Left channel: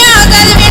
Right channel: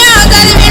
你好在这边